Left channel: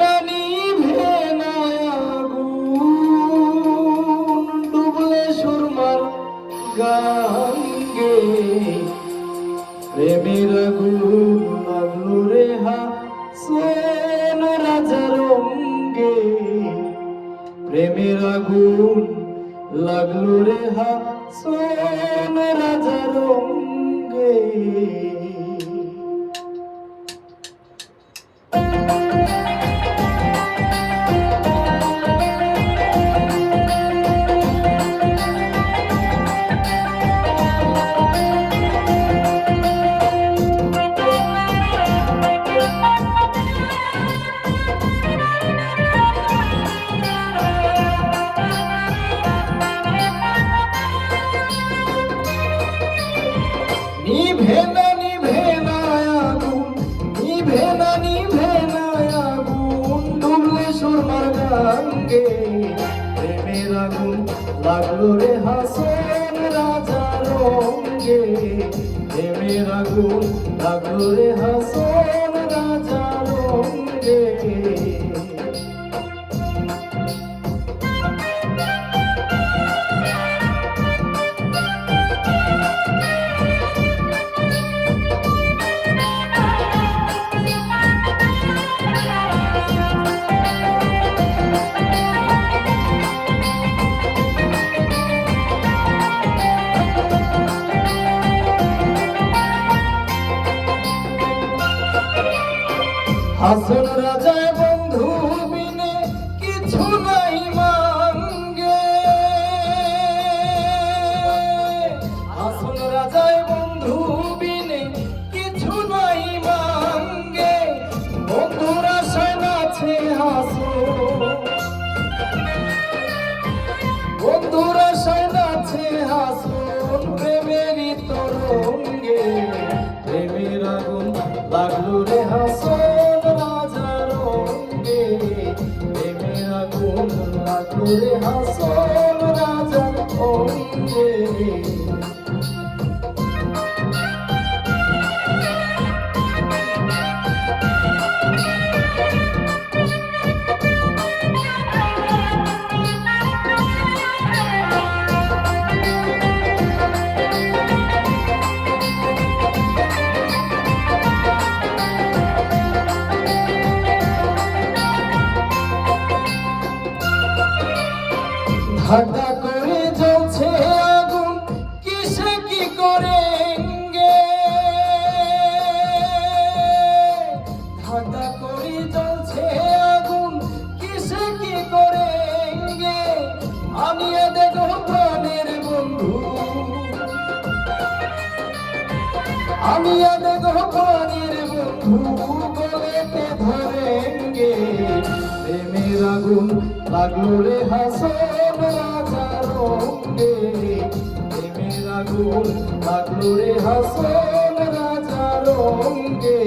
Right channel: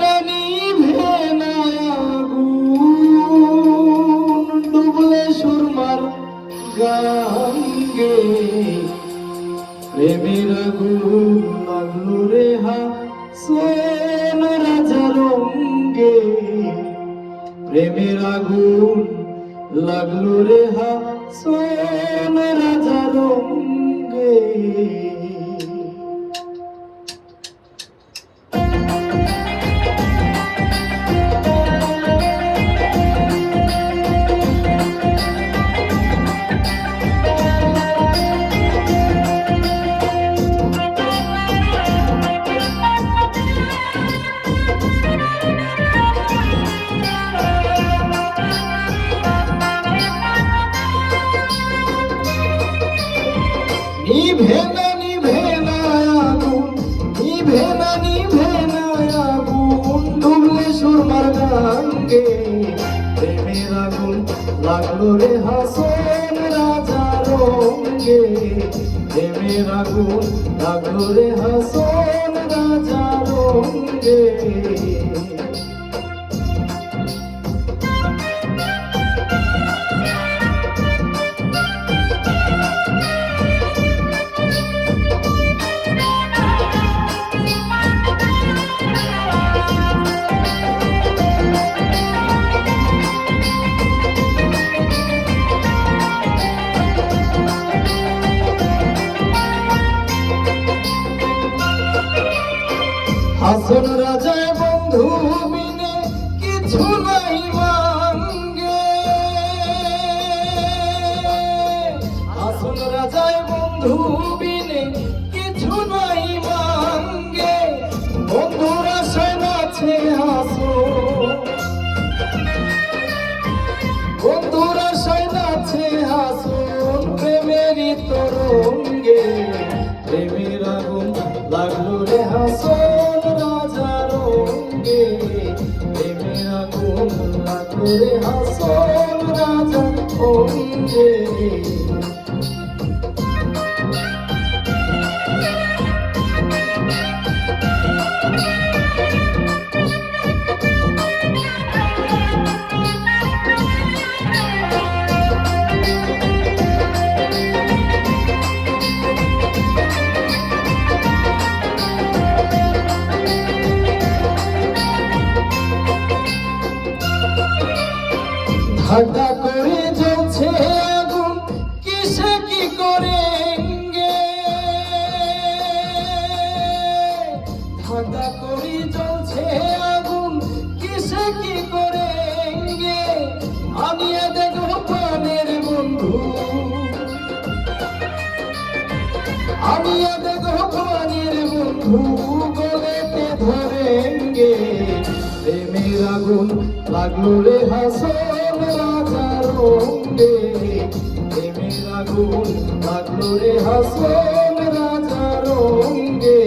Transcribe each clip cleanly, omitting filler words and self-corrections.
না নিভে না আগুন, ডুবলে সুরমার গাঙ্গে। প্রেমের আগুন লাগলো রে হাসন রাজার অঙ্গে। প্রেমের আগুন লাগলো রে হাসন রাজার অঙ্গে। নিভে না আগুন, নিভে না আগুন, ডুবলে সুরমার গাঙ্গে। প্রেমের আগুন লাগলো রে হাসন রাজার অঙ্গে। প্রেমের আগুন লাগলো রে হাসন রাজার অঙ্গে। হাসন রাজায় বন্ধু বিনে কিছু নাই মাঙ্গে। হাসন রাজায় বন্ধু বিনে কিছু নাই মাঙ্গে। বন্ধুরা শোনাছে হাসন, বন্ধুরা শোনাছে হাসন প্রেমেরই তরঙ্গে। প্রেমের আগুন লাগলো রে হাসন রাজার অঙ্গে। প্রেমের আগুন লাগলো রে হাসন রাজার অঙ্গে। ঠাট্টা করে জ্বলছে আগুন, কিসে কি করেঙ্গে। ঠাট্টা করে জ্বলছে আগুন, কিসে কি করেঙ্গে। আমিও দেখো প্রাণের বন্ধু, আমিও দেখো প্রাণের বন্ধু, গলেতে ধরেঙ্গে। প্রেমের আগুন লাগলো রে হাসন রাজার অঙ্গে। প্রেমের আগুন লাগলো রে হাসন রাজার অঙ্গে।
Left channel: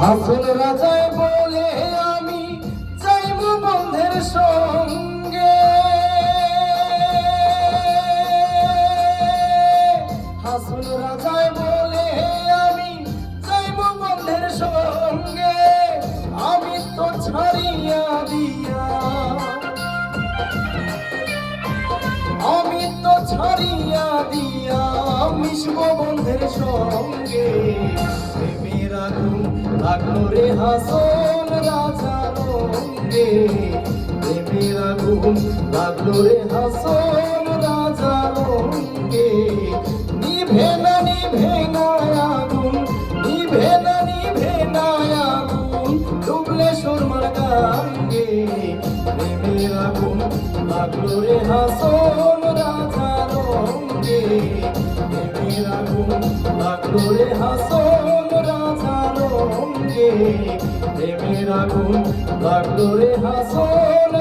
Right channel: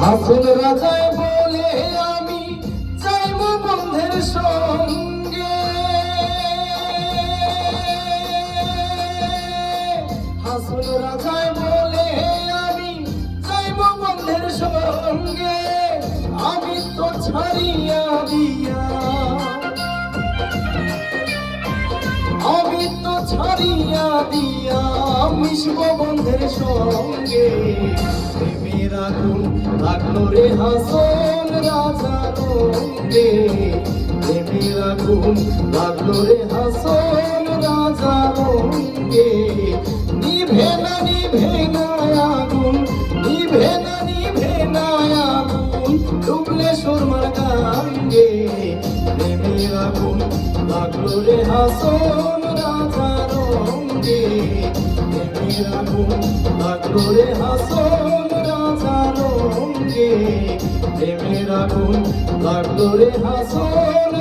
হাসন রাজায় বলে আমি যাইব বন্ধের সঙ্গে। হাসন রাজায় বলে আমি যাইব বন্ধের সঙ্গে। আমি তো ছাড়িয়া দিয়া, আমি তো ছাড়িয়া দিয়া মিশব বন্ধের সঙ্গে। প্রেমের আগুন লাগলো রে হাসন রাজার অঙ্গে। প্রেমের আগুন লাগলো রে হাসন রাজার অঙ্গে। নিভে না আগুন, নিভে না আগুন, ডুবলে সুরমার গাঙ্গে। প্রেমের আগুন লাগলো রে হাসন রাজার অঙ্গে। প্রেমের আগুন লাগলো রে হাসন রাজার অঙ্গে। প্রেমের আগুন লাগলো রে হাসন।